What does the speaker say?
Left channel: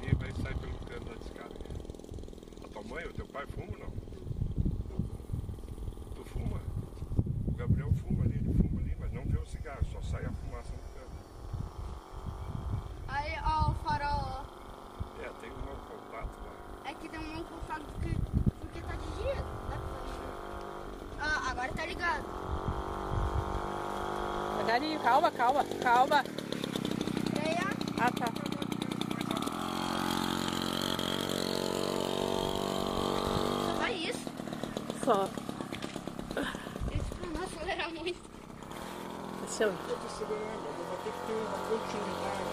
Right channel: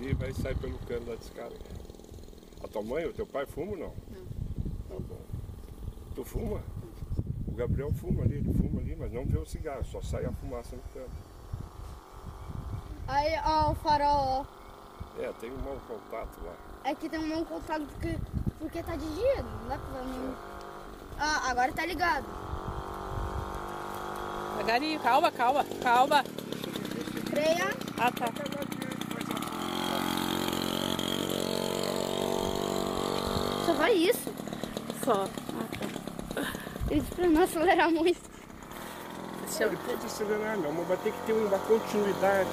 ali e vai sair pelo cano da escada. A tua mãe, o teu pai fuma ou não? Não. Tu fuma? O Gabriel fuma ali, ele fuma ali, mas não vê o cigarro, só sai a fumaça no cano. Aí, ó, o farol, ó. É, tem um mau contato lá. É que tem um mau contato porque tá de dia, não dá pra ver. Ah, agora tá ligado. Devagarinho, calma. Freia. Ah, tá. Só vai isso. Só. Isso pra não acelerar muito. Deixa eu... Não tem que acelerar não, mas vai ter que ter uma continuidade.